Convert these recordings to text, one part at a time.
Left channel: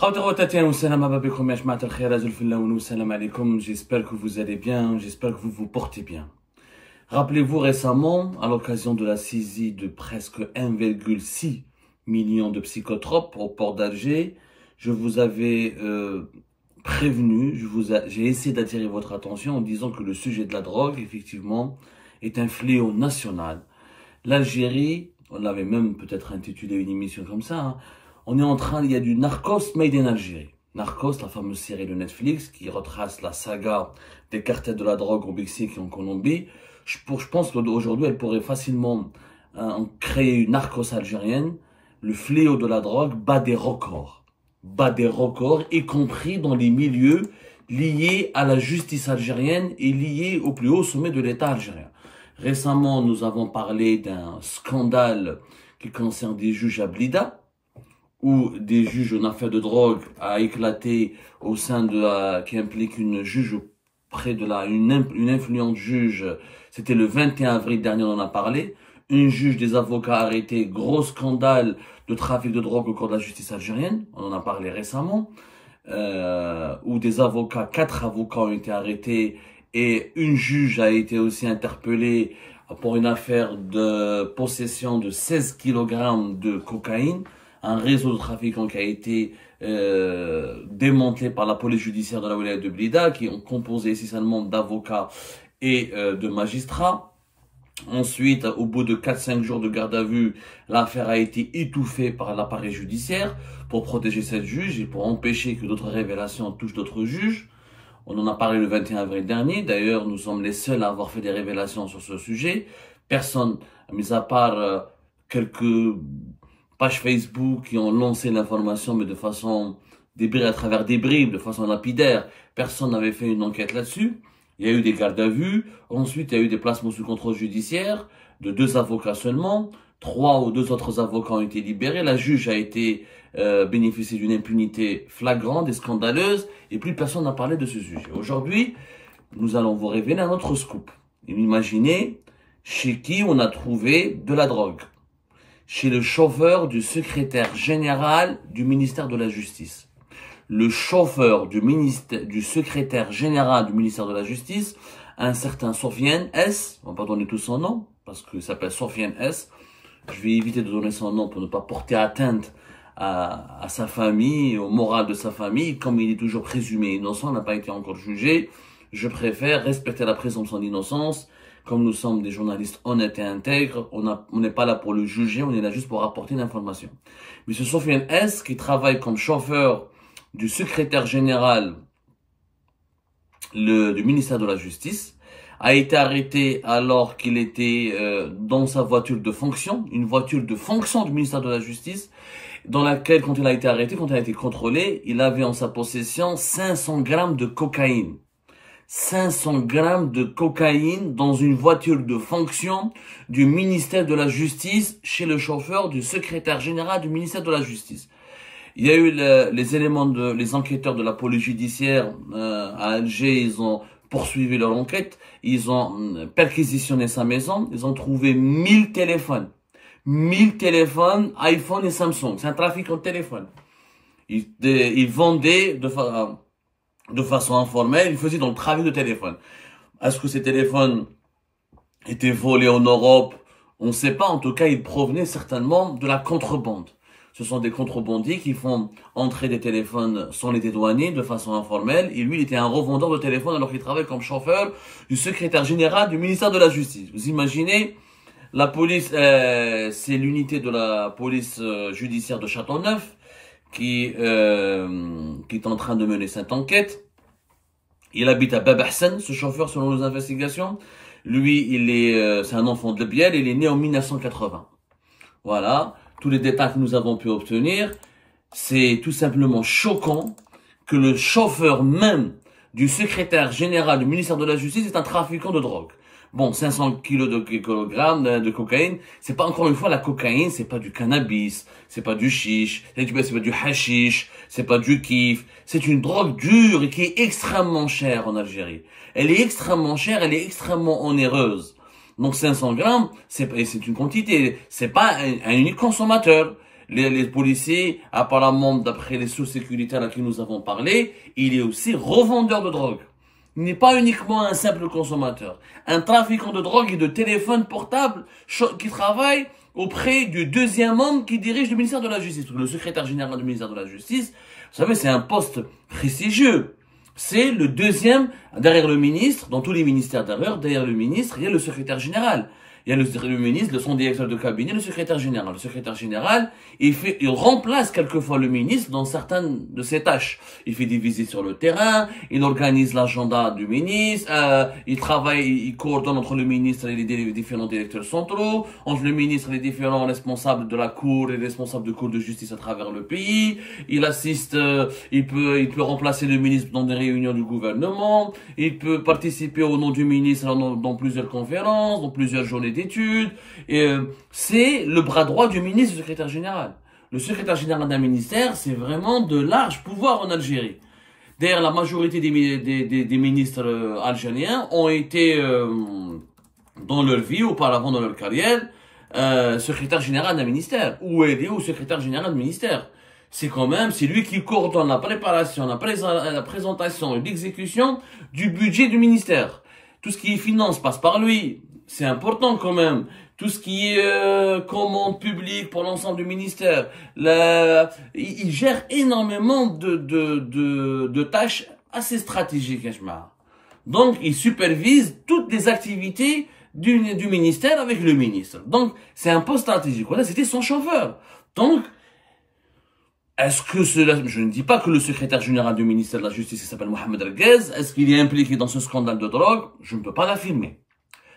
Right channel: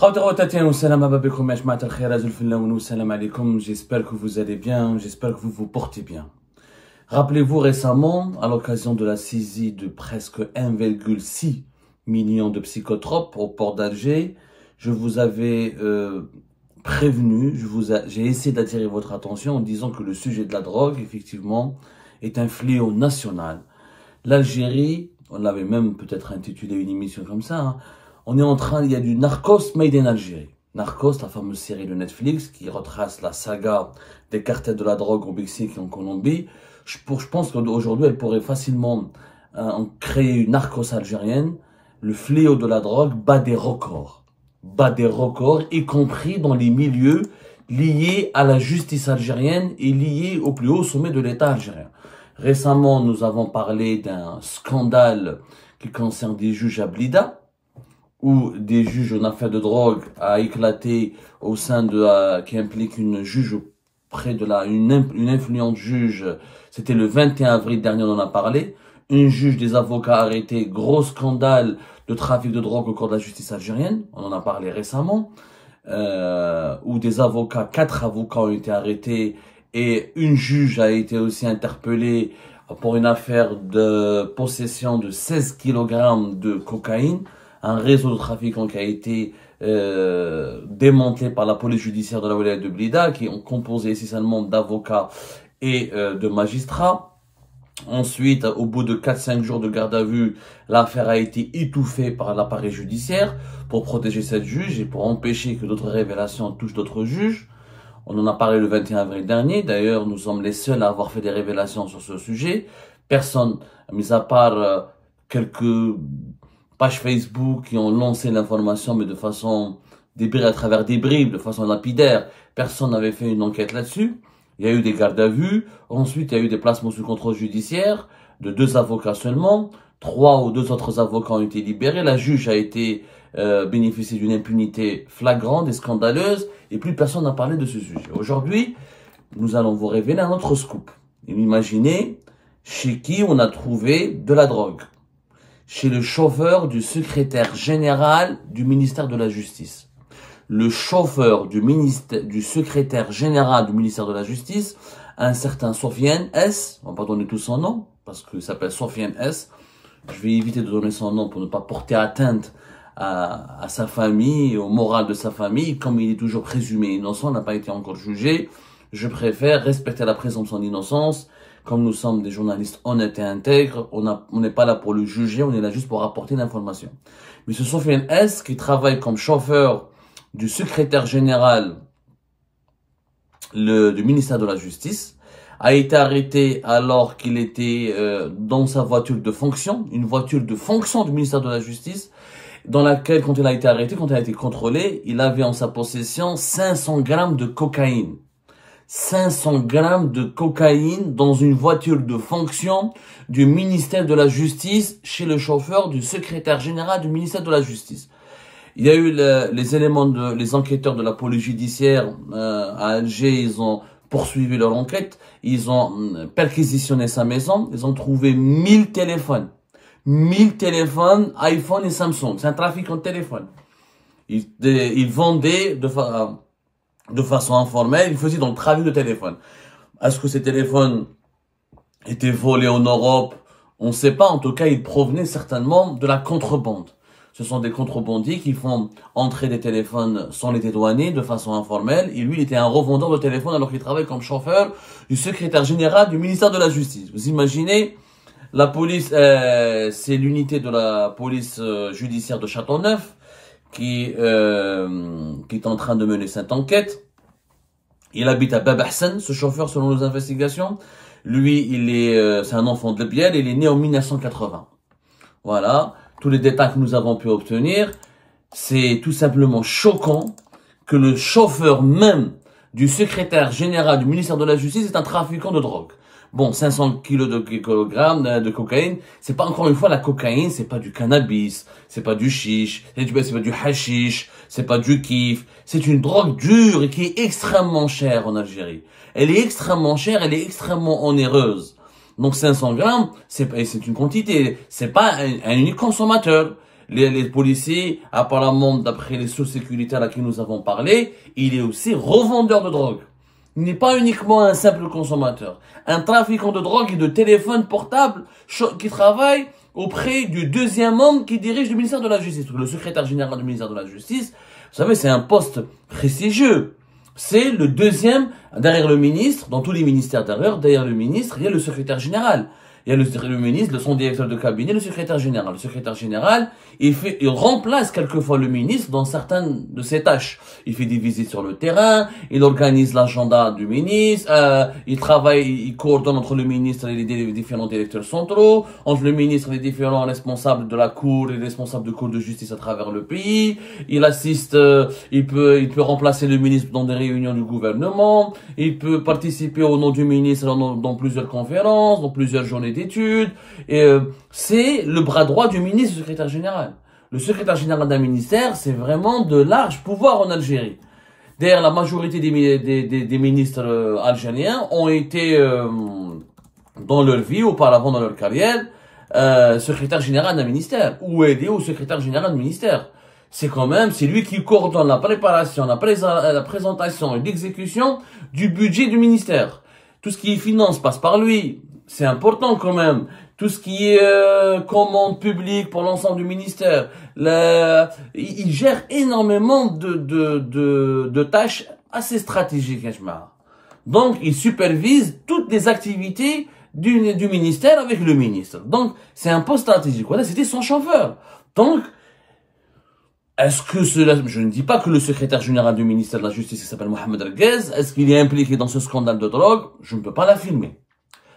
J'espère que vous allez bien, j'espère que vous vous portez bien. Rappelez-vous récemment, à l'occasion de la saisie de presque 1,6 million de psychotropes au port d'Alger, je vous avais prévenu, j'ai essayé d'attirer votre attention en disant que le sujet de la drogue, effectivement, est un fléau national. L'Algérie, on l'avait même peut-être intitulé une émission comme ça, hein, il y a du Narcos made in Algérie. Narcos, la fameuse série de Netflix qui retrace la saga des cartels de la drogue au Mexique et en Colombie. Je pense qu'aujourd'hui, elle pourrait facilement créer une Narcos algérienne. Le fléau de la drogue bat des records, y compris dans les milieux liés à la justice algérienne et liés au plus haut sommet de l'État algérien. Récemment, nous avons parlé d'un scandale qui concerne des juges à Blida, où des juges en affaires de drogue a éclaté au sein qui implique une juge auprès de une influente juge. C'était le 21 avril dernier, on en a parlé. Une juge, des avocats arrêtés, gros scandale de trafic de drogue au cours de la justice algérienne. On en a parlé récemment. Où des avocats, 4 avocats ont été arrêtés et une juge a été aussi interpellée pour une affaire de possession de 16 kg de cocaïne. Un réseau de trafiquants qui a été démantelé par la police judiciaire de la wilaya de Blida, qui ont composé essentiellement d'avocats et de magistrats. Ensuite, au bout de 4-5 jours de garde à vue, l'affaire a été étouffée par l'appareil judiciaire pour protéger cette juge et pour empêcher que d'autres révélations touchent d'autres juges. On en a parlé le 21 avril dernier. D'ailleurs, nous sommes les seuls à avoir fait des révélations sur ce sujet. Personne, mis à part quelques pages Facebook qui ont lancé l'information, mais de façon à travers des bribes, de façon lapidaire. Personne n'avait fait une enquête là-dessus. Il y a eu des gardes à vue. Ensuite, il y a eu des placements sous contrôle judiciaire de 2 avocats seulement. 3 ou 2 autres avocats ont été libérés. La juge a été bénéficié d'une impunité flagrante et scandaleuse. Et plus personne n'a parlé de ce sujet. Aujourd'hui, nous allons vous révéler un autre scoop. Imaginez chez qui on a trouvé de la drogue. Chez le chauffeur du secrétaire général du ministère de la Justice. Le chauffeur du secrétaire général du ministère de la Justice, un certain Sofiane S, on va pas donner tout son nom, parce qu'il s'appelle Sofiane S. Je vais éviter de donner son nom pour ne pas porter atteinte à sa famille, au moral de sa famille. Comme il est toujours présumé innocent, n'a pas été encore jugé, je préfère respecter la présomption d'innocence. Comme nous sommes des journalistes honnêtes et intègres, on n'est pas là pour le juger, on est là juste pour apporter l'information. Mais ce Sofiane S, qui travaille comme chauffeur du secrétaire général du ministère de la Justice, a été arrêté alors qu'il était dans sa voiture de fonction, une voiture de fonction du ministère de la Justice, dans laquelle, quand il a été arrêté, quand il a été contrôlé, il avait en sa possession 500 grammes de cocaïne. 500 grammes de cocaïne dans une voiture de fonction du ministère de la Justice chez le chauffeur du secrétaire général du ministère de la Justice. Il y a eu les enquêteurs de la police judiciaire à Alger, ils ont poursuivi leur enquête, ils ont perquisitionné sa maison, ils ont trouvé 1000 téléphones. 1000 téléphones, iPhone et Samsung. C'est un trafic en téléphone. Ils vendaient de façon informelle, ils faisaient donc le trafic de téléphone. Est-ce que ces téléphones étaient volés en Europe? On ne sait pas. En tout cas, ils provenaient certainement de la contrebande. Ce sont des contrebandiers qui font entrer des téléphones sans les dédouaner de façon informelle. Et lui, il était un revendeur de téléphones alors qu'il travaille comme chauffeur du secrétaire général du ministère de la Justice. Vous imaginez, la police, c'est l'unité de la police judiciaire de Châteauneuf qui est en train de mener cette enquête. Il habite à Bab Hassan, ce chauffeur, selon nos investigations. Lui, c'est un enfant de Biel, il est né en 1980. Voilà, tous les détails que nous avons pu obtenir. C'est tout simplement choquant que le chauffeur même du secrétaire général du ministère de la Justice est un trafiquant de drogue. Bon, 500 kilos de cocaïne, c'est pas, encore une fois, la cocaïne, c'est pas du cannabis, c'est pas du chiche, c'est pas du hashish, c'est pas du kiff, c'est une drogue dure et qui est extrêmement chère en Algérie. Elle est extrêmement chère, elle est extrêmement onéreuse. Donc 500 grammes, c'est une quantité, c'est pas un unique consommateur. les policiers, apparemment, d'après les sources sécuritaires à qui nous avons parlé, il est aussi revendeur de drogue. Il n'est pas uniquement un simple consommateur. Un trafiquant de drogue et de téléphone portable qui travaille auprès du deuxième homme qui dirige le ministère de la Justice, le secrétaire général du ministère de la Justice. Vous savez, c'est un poste prestigieux. C'est le deuxième, derrière le ministre, dans tous les ministères d'ailleurs, derrière le ministre, il y a le secrétaire général. Il y a le ministre, son directeur de cabinet, le secrétaire général. Le secrétaire général, il remplace quelquefois le ministre dans certaines de ses tâches. Il fait des visites sur le terrain, il organise l'agenda du ministre, il travaille, il coordonne entre le ministre et les différents directeurs centraux, entre le ministre et les différents responsables de la cour et les responsables de cour de justice à travers le pays. Il assiste, il peut remplacer le ministre dans des réunions du gouvernement, il peut participer au nom du ministre dans plusieurs conférences, dans plusieurs journées d'études. C'est le bras droit du ministre, du secrétaire général. Le secrétaire général d'un ministère, c'est vraiment de larges pouvoirs en Algérie. D'ailleurs, la majorité des ministres algériens ont été, dans leur vie, auparavant dans leur carrière, secrétaire général d'un ministère, ou aidé au secrétaire général d'un ministère. C'est quand même, c'est lui qui coordonne la préparation, la présentation et l'exécution du budget du ministère. Tout ce qui est finance passe par lui. C'est important quand même. Tout ce qui est commande publique pour l'ensemble du ministère. Il gère énormément de tâches assez stratégiques, Hachmar. Donc, il supervise toutes les activités du ministère avec le ministre. Donc, c'est un poste stratégique. Voilà, c'était son chauffeur. Donc, est-ce que cela, je ne dis pas que le secrétaire général du ministère de la Justice, il s'appelle Mohamed Erguez, est-ce qu'il est impliqué dans ce scandale de drogue? Je ne peux pas l'affirmer.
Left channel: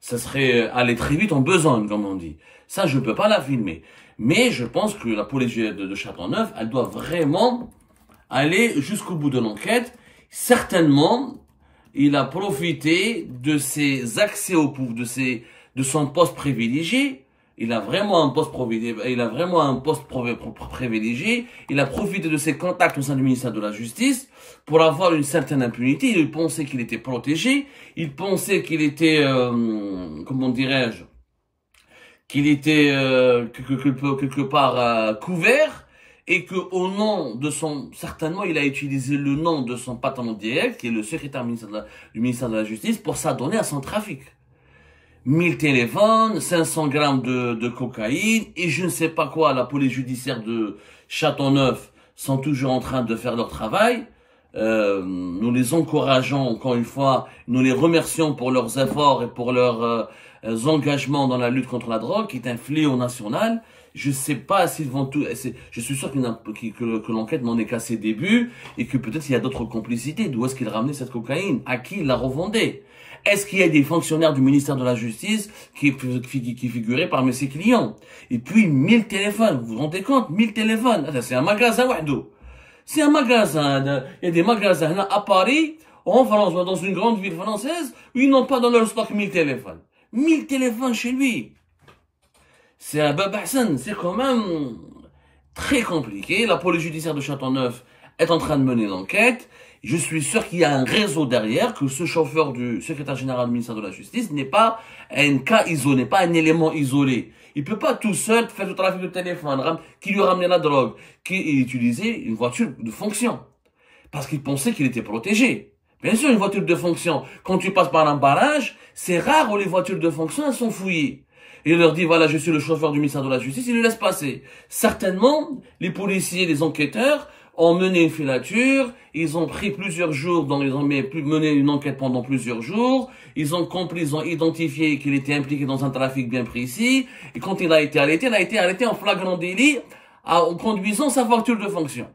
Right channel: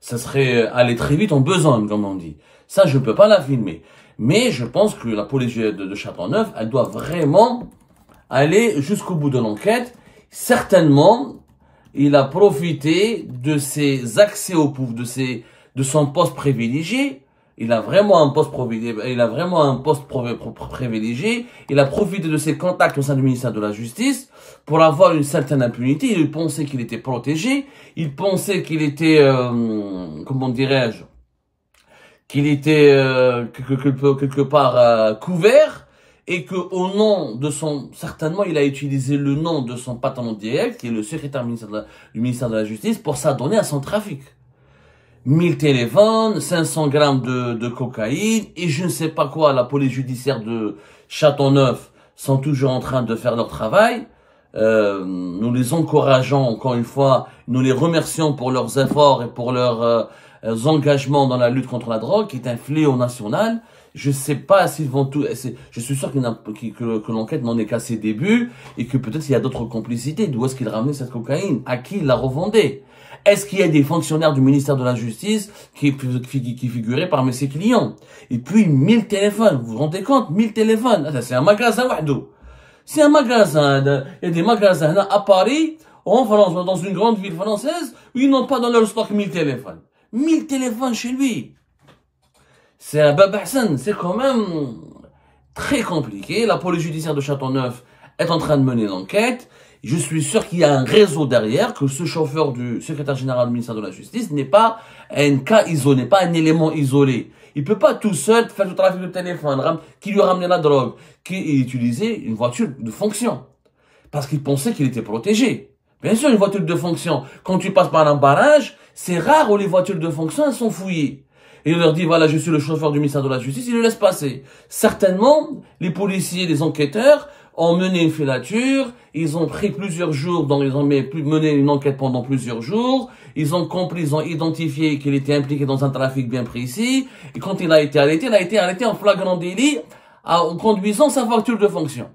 Ça serait aller très vite en besogne, comme on dit. Ça, je ne peux pas l'affirmer. Mais je pense que la police de Châteauneuf, elle doit vraiment aller jusqu'au bout de l'enquête. Certainement, il a profité de ses accès au pouvoir, de son poste privilégié. Il a vraiment un poste privilégié. Il a profité de ses contacts au sein du ministère de la Justice pour avoir une certaine impunité. Il pensait qu'il était protégé. Il pensait qu'il était, comment dirais-je, qu'il était quelque part couvert, et que au nom de certainement, il a utilisé le nom de son patron direct, qui est le secrétaire du ministère de la Justice, pour s'adonner à son trafic. 1000 téléphones, 500 grammes de cocaïne, et je ne sais pas quoi. La police judiciaire de Châteauneuf sont toujours en train de faire leur travail. Nous les encourageons, encore une fois, nous les remercions pour leurs efforts et pour leurs engagements dans la lutte contre la drogue, qui est un fléau national. Je ne sais pas s'ils vont tout... Je suis sûr que l'enquête n'en est qu'à ses débuts, et que peut-être il y a d'autres complicités. D'où est-ce qu'il ramenait cette cocaïne? À qui il la revendait? Est-ce qu'il y a des fonctionnaires du ministère de la Justice qui figuraient parmi ses clients? Et puis 1000 téléphones, vous vous rendez compte? 1000 téléphones, c'est un magasin wahdo. C'est un magasin, il y a des magasins à Paris, en France, dans une grande ville française, où ils n'ont pas dans leur stock 1000 téléphones. 1000 téléphones chez lui. C'est un babahsan, c'est quand même très compliqué. La police judiciaire de Châteauneuf est en train de mener l'enquête. Je suis sûr qu'il y a un réseau derrière, que ce chauffeur du secrétaire général du ministère de la Justice n'est pas un cas isolé, pas un élément isolé. Il peut pas tout seul faire du trafic de téléphone, qui lui ramenait la drogue, qui utilisait une voiture de fonction. Parce qu'il pensait qu'il était protégé. Bien sûr, une voiture de fonction, quand tu passes par un barrage, c'est rare où les voitures de fonction, elles sont fouillées. Et il leur dit, voilà, je suis le chauffeur du ministère de la Justice, il le laisse passer. Certainement, les policiers, les enquêteurs ont mené une filature, ils ont pris plusieurs jours, ils ont mené une enquête pendant plusieurs jours, ils ont compris, ils ont identifié qu'il était impliqué dans un trafic bien précis, et quand il a été arrêté en flagrant délit en conduisant sa voiture de fonction.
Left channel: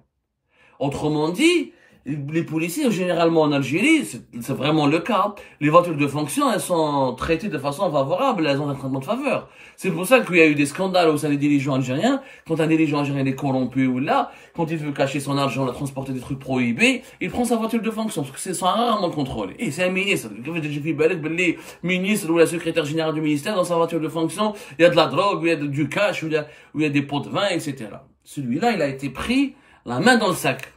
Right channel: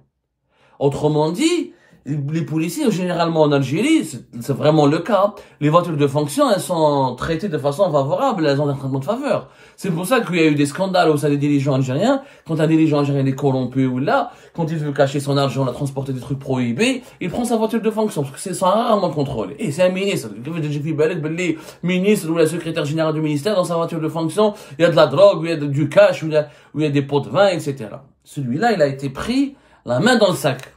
Autrement dit, les policiers, généralement en Algérie, c'est vraiment le cas, les voitures de fonction, elles sont traitées de façon favorable, elles ont un traitement de faveur. C'est pour ça qu'il y a eu des scandales au sein des dirigeants algériens. Quand un dirigeant algérien est corrompu ou là, quand il veut cacher son argent, la transporter des trucs prohibés, il prend sa voiture de fonction, parce que c'est rarement contrôlé. Et c'est un ministre. Ministre ou la secrétaire générale du ministère, dans sa voiture de fonction, il y a de la drogue, il y a du cash, il y a des pots de vin, etc. Celui-là, il a été pris la main dans le sac.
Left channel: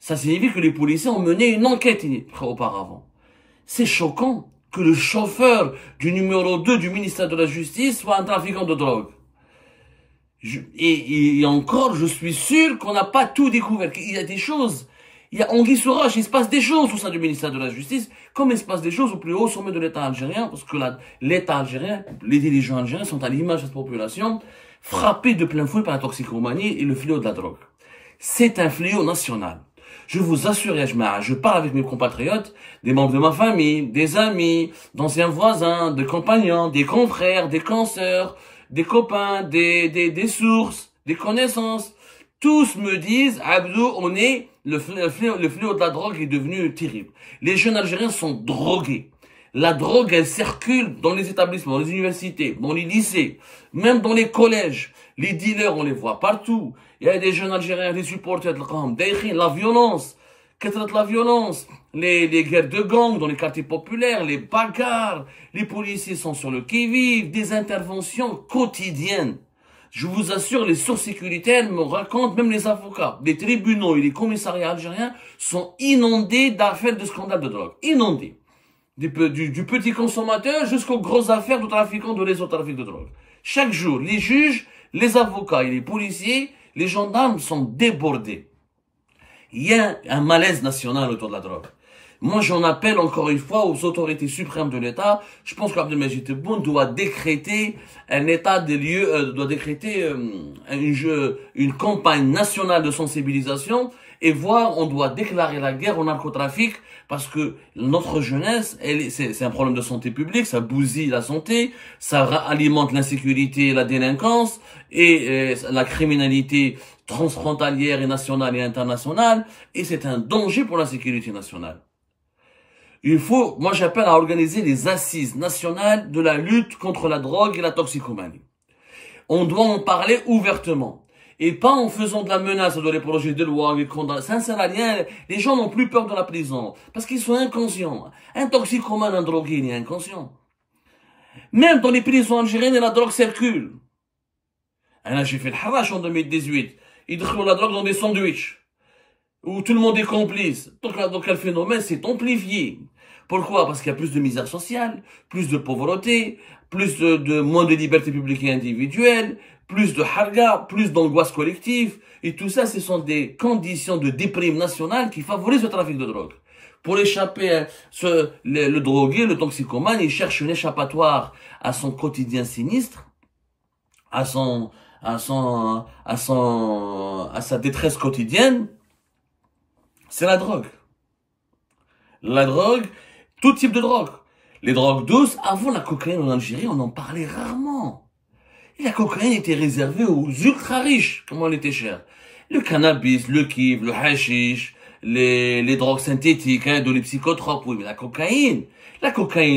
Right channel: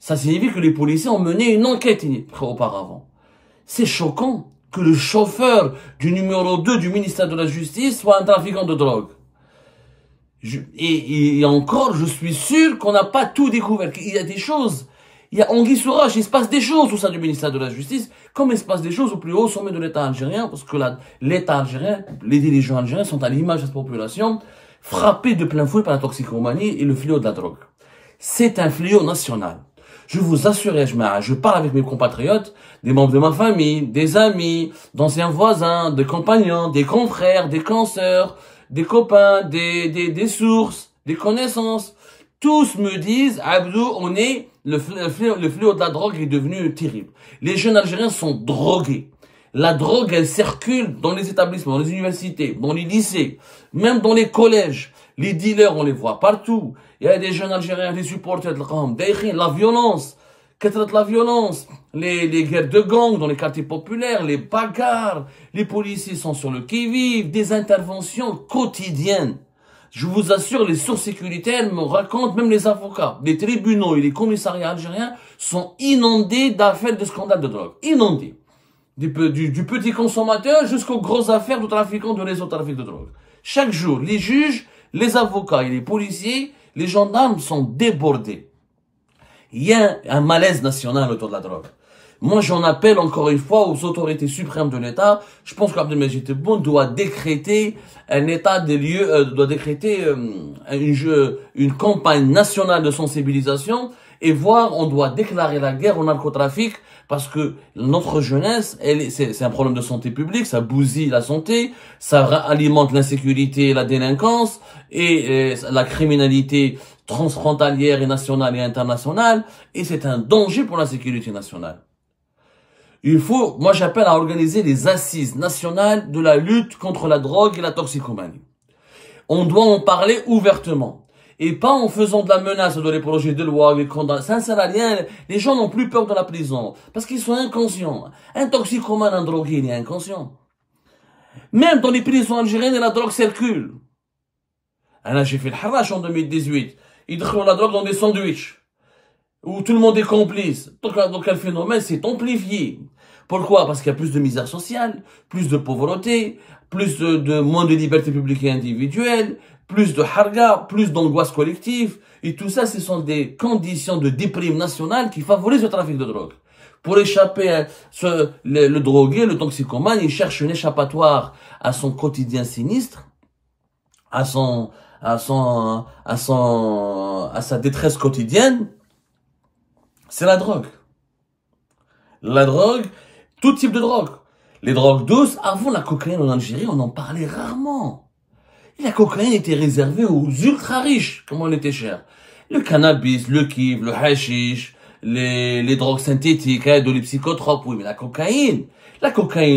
Ça signifie que les policiers ont mené une enquête auparavant. C'est choquant que le chauffeur du numéro 2 du ministère de la Justice soit un trafiquant de drogue. Et encore, je suis sûr qu'on n'a pas tout découvert. Il y a des choses. Il y a Anguille sous roche, il se passe des choses au sein du ministère de la Justice, comme il se passe des choses au plus haut sommet de l'État algérien, parce que l'État algérien, les dirigeants algériens sont à l'image de cette population, frappés de plein fouet par la toxicomanie et le fléau de la drogue. C'est un fléau national. Je vous assure, je parle avec mes compatriotes, des membres de ma famille, des amis, d'anciens voisins, des compagnons, des confrères, des consoeurs, des copains, des sources, des connaissances. Tous me disent, Abdou, le fléau de la drogue est devenu terrible. Les jeunes Algériens sont drogués. La drogue, elle circule dans les établissements, dans les universités, dans les lycées, même dans les collèges. Les dealers, on les voit partout. Il y a des jeunes Algériens, des supporters de la violence, les guerres de gangs dans les quartiers populaires, les bagarres, les policiers sont sur le qui-vive, des interventions quotidiennes. Je vous assure, les sources sécuritaires me racontent, même les avocats, les tribunaux et les commissariats algériens sont inondés d'affaires de scandales de drogue. Inondés. Du petit consommateur jusqu'aux grosses affaires de trafiquants de réseaux de trafic de drogue. Chaque jour, les juges, les avocats et les policiers, les gendarmes sont débordés. Il y a un malaise national autour de la drogue. Moi, j'en appelle encore une fois aux autorités suprêmes de l'État. Je pense qu'Abdelmajid Tebboune doit décréter un état des lieux, doit décréter une campagne nationale de sensibilisation et voir, on doit déclarer la guerre au narcotrafic parce que notre jeunesse, c'est un problème de santé publique, ça bousille la santé, ça alimente l'insécurité, la délinquance et la criminalité transfrontalière et nationale et internationale et c'est un danger pour la sécurité nationale. Moi j'appelle à organiser les assises nationales de la lutte contre la drogue et la toxicomanie. On doit en parler ouvertement. Et pas en faisant de la menace de les projets de loi, ça ne sert à rien. Les gens n'ont plus peur de la prison. Parce qu'ils sont inconscients. Un toxicomane, un drogué, il est inconscient. Même dans les prisons algériennes, la drogue circule. Là, j'ai fait le harash en 2018. Ils trouvent la drogue dans des sandwichs. Où tout le monde est complice. Donc le phénomène s'est amplifié. Pourquoi? Parce qu'il y a plus de misère sociale, plus de pauvreté, moins de liberté publique et individuelle, plus de harga, plus d'angoisse collective. Et tout ça, ce sont des conditions de déprime nationale qui favorisent le trafic de drogue. Pour échapper à le drogué, le toxicomane, il cherche une échappatoire à son quotidien sinistre, à sa détresse quotidienne. C'est la drogue. La drogue, tout type de drogue. Les drogues douces, avant la cocaïne en Algérie, on en parlait rarement. Et la cocaïne était réservée aux ultra riches, comment elle était chère. Le cannabis, le kiff, le hashish, les drogues synthétiques, les psychotropes, oui, mais la cocaïne,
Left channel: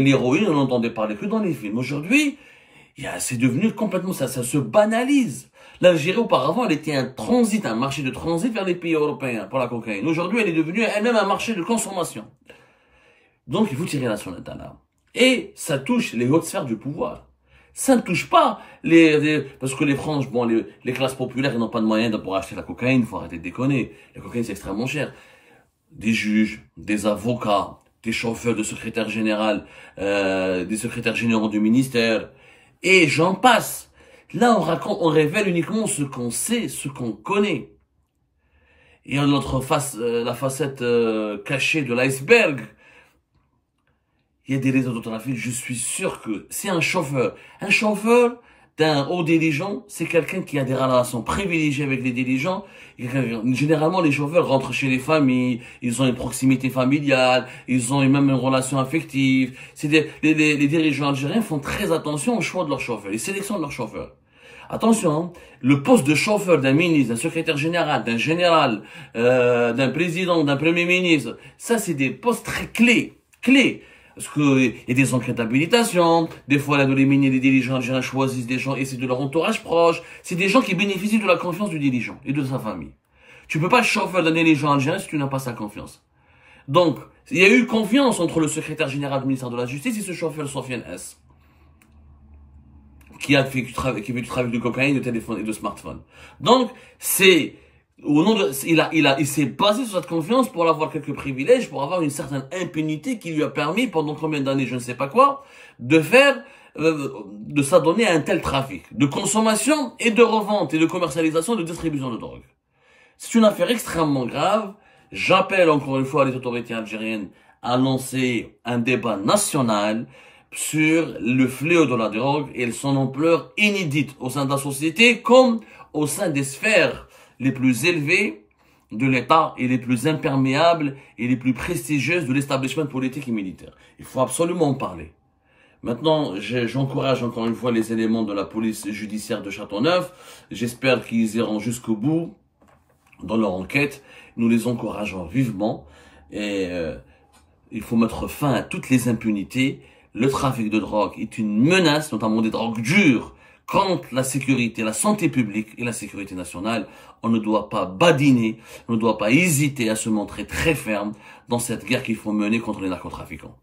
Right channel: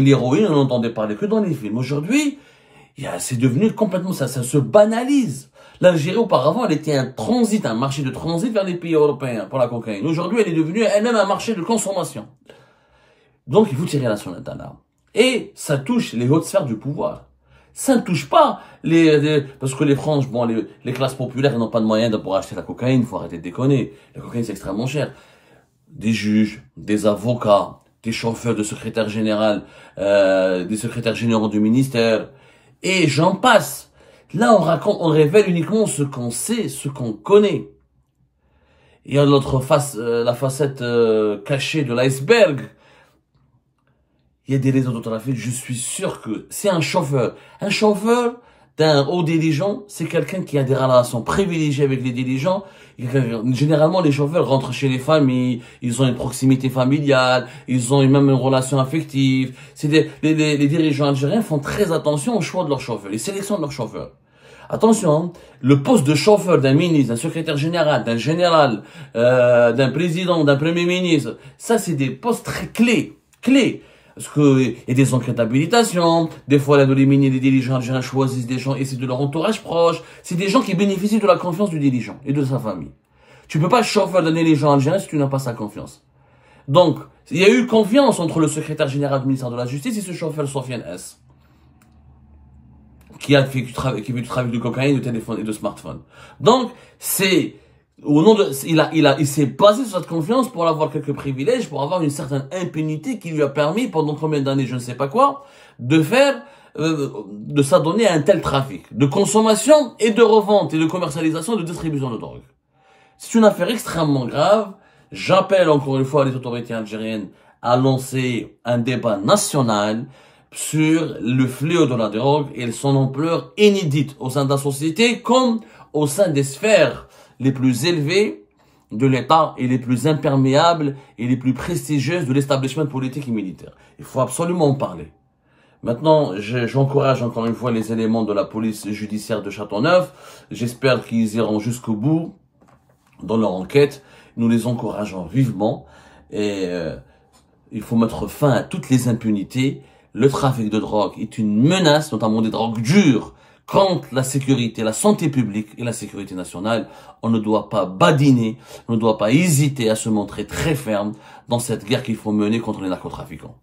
l'héroïne, on n'entendait parler que dans les films. Aujourd'hui, c'est devenu complètement ça se banalise. L'Algérie, auparavant, elle était un marché de transit vers les pays européens pour la cocaïne. Aujourd'hui, elle est devenue elle-même un marché de consommation. Donc, il faut tirer la sonnette d'alarme. Et ça touche les hautes sphères du pouvoir. Ça ne touche pas parce que les franges, les classes populaires, ils n'ont pas de moyens de pouvoir acheter la cocaïne, il faut arrêter de déconner. La cocaïne, c'est extrêmement cher. Des juges, des avocats, des chauffeurs de secrétaire général, des secrétaires généraux du ministère, et j'en passe. Là, on révèle uniquement ce qu'on sait, ce qu'on connaît. Et à l'autre face, la facette cachée de l'iceberg, il y a des réseaux de trafic, je suis sûr que c'est un chauffeur. Un chauffeur d'un haut dirigeant, c'est quelqu'un qui a des relations privilégiées avec les dirigeants. Généralement, les chauffeurs rentrent chez les familles, ils ont une proximité familiale, ils ont même une relation affective. Les dirigeants algériens font très attention au choix de leurs chauffeurs, les sélections de leurs chauffeurs. Attention, hein, le poste de chauffeur d'un ministre, d'un secrétaire général, d'un général, d'un président, d'un premier ministre, ça c'est des postes très clés. Parce qu'il y a des enquêtes d'habilitation, des fois là, les dirigeants algériens choisissent des gens et c'est de leur entourage proche. C'est des gens qui bénéficient de la confiance du dirigeant et de sa famille. Tu peux pas chauffeur d'un dirigeant algérien si tu n'as pas sa confiance. Donc, il y a eu confiance entre le secrétaire général du ministère de la Justice et ce chauffeur Sofiane S. Qui fait du trafic de cocaïne, de téléphone et de smartphone. Donc, il s'est basé sur cette confiance pour avoir quelques privilèges, pour avoir une certaine impunité qui lui a permis, pendant combien d'années, je ne sais pas quoi, de faire de s'adonner à un tel trafic de consommation et de revente et de commercialisation, de distribution de drogue. C'est une affaire extrêmement grave. J'appelle encore une fois les autorités algériennes à lancer un débat national sur le fléau de la drogue et son ampleur inédite au sein de la société comme au sein des sphères les plus élevées de l'État et les plus imperméables et les plus prestigieuses de l'établissement politique et militaire. Il faut absolument en parler. Maintenant, j'encourage encore une fois les éléments de la police judiciaire de Châteauneuf. J'espère qu'ils iront jusqu'au bout dans leur enquête. Nous les encourageons vivement. Et il faut mettre fin à toutes les impunités. Le trafic de drogue est une menace, notamment des drogues dures, contre la sécurité, la santé publique et la sécurité nationale. On ne doit pas badiner, on ne doit pas hésiter à se montrer très ferme dans cette guerre qu'il faut mener contre les narcotrafiquants.